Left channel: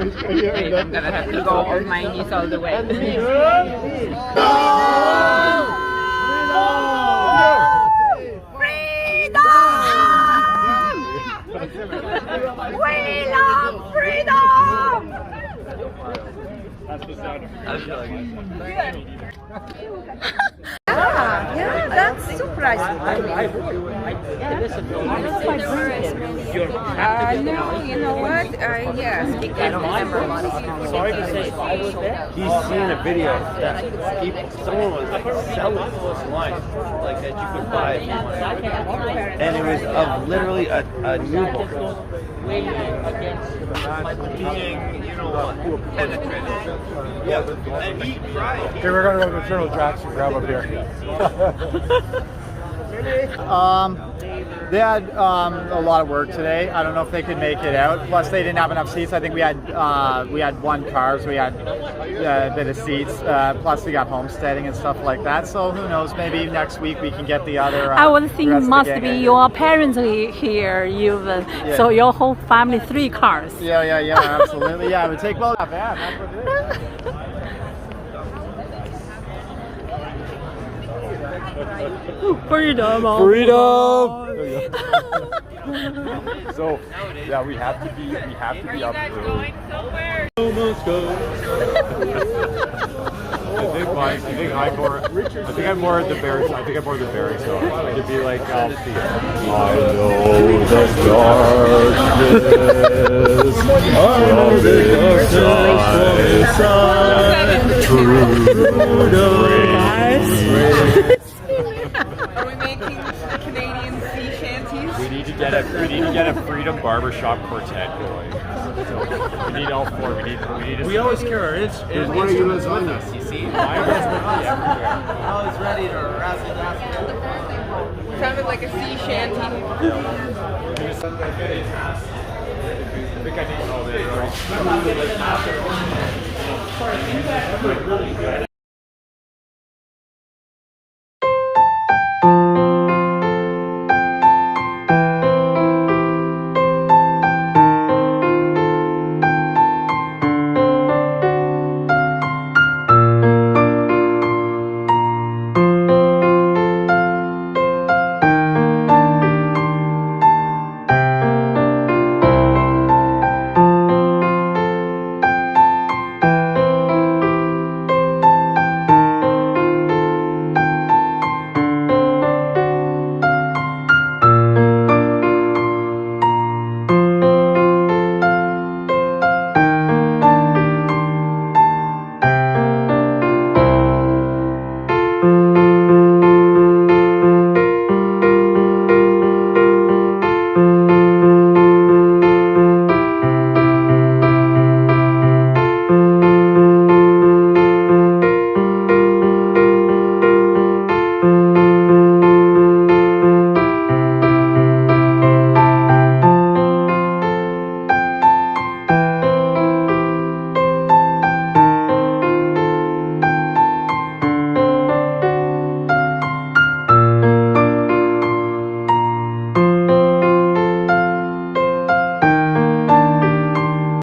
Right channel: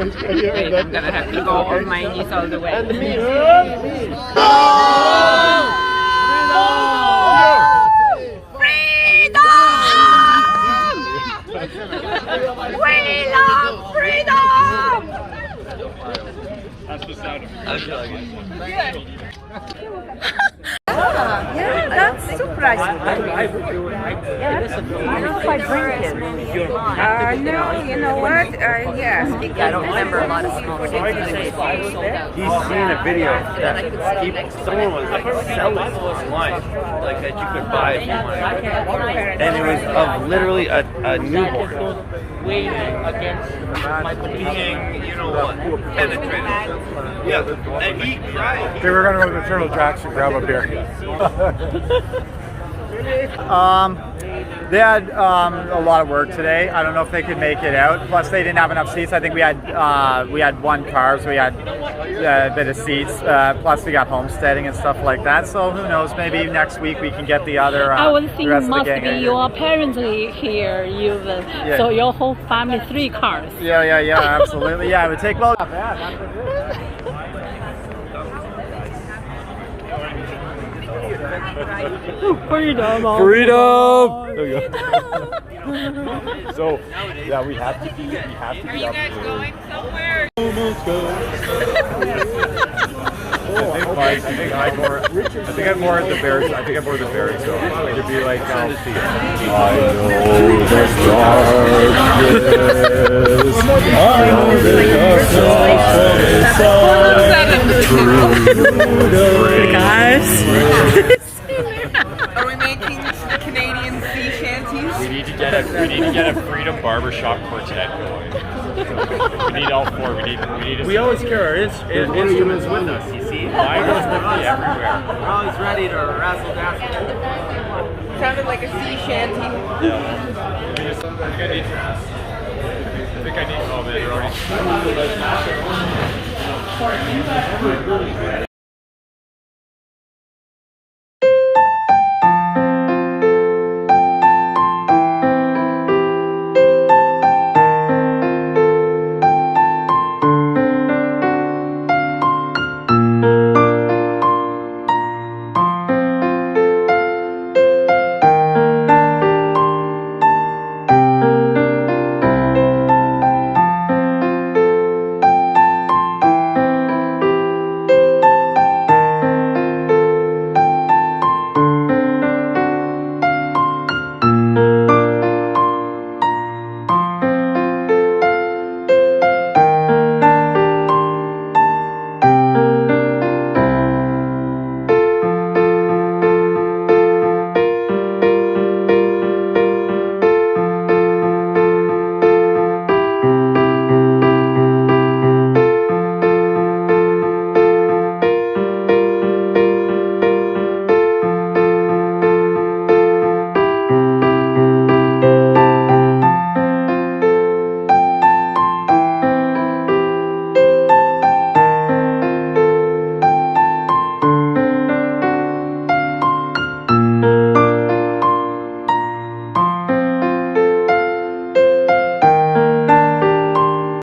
I'm gonna have to go on my knees all the way. We love freedom! That's the sound of Yeah, that's surprising. I don't know if I drink it. No, you know what? Yeah. I don't remember a lot of small things. He's seen a video that someone was like selling wine like that you could buy if you wanted. And it was of literally a newborn being, you know, penetrated. Yeah, and he cried. They were going to go to Turtle Jacks and grab a beer. They had a lot of work today. I don't know if they could make it out. Plus, they didn't have enough seats. I think we had one car, so we had a bit of seats. Plus, we got homesteading and stuff like that. So who knows? Maybe next week we can get the other. I would think the rest must of the gang be your parents here. So your whole family 3 cars. Yeah, absolutely. Yeah, it would take well. Freedom! So, yeah, we have to be up Are you guys going somewhere? I think I'm more the Bears. I think I'm more the Bears. So it'd be like, I know the darkness. Guys. Are we making Canadian sea shanties? We need to get a Freedom Barbershop quartet going. So we need all 4. We need. We always care. It's one of you is with us. You see, mine is with me everywhere. I was ready to razzle dazzle. Sounded like a sea shanty. I think I need all this.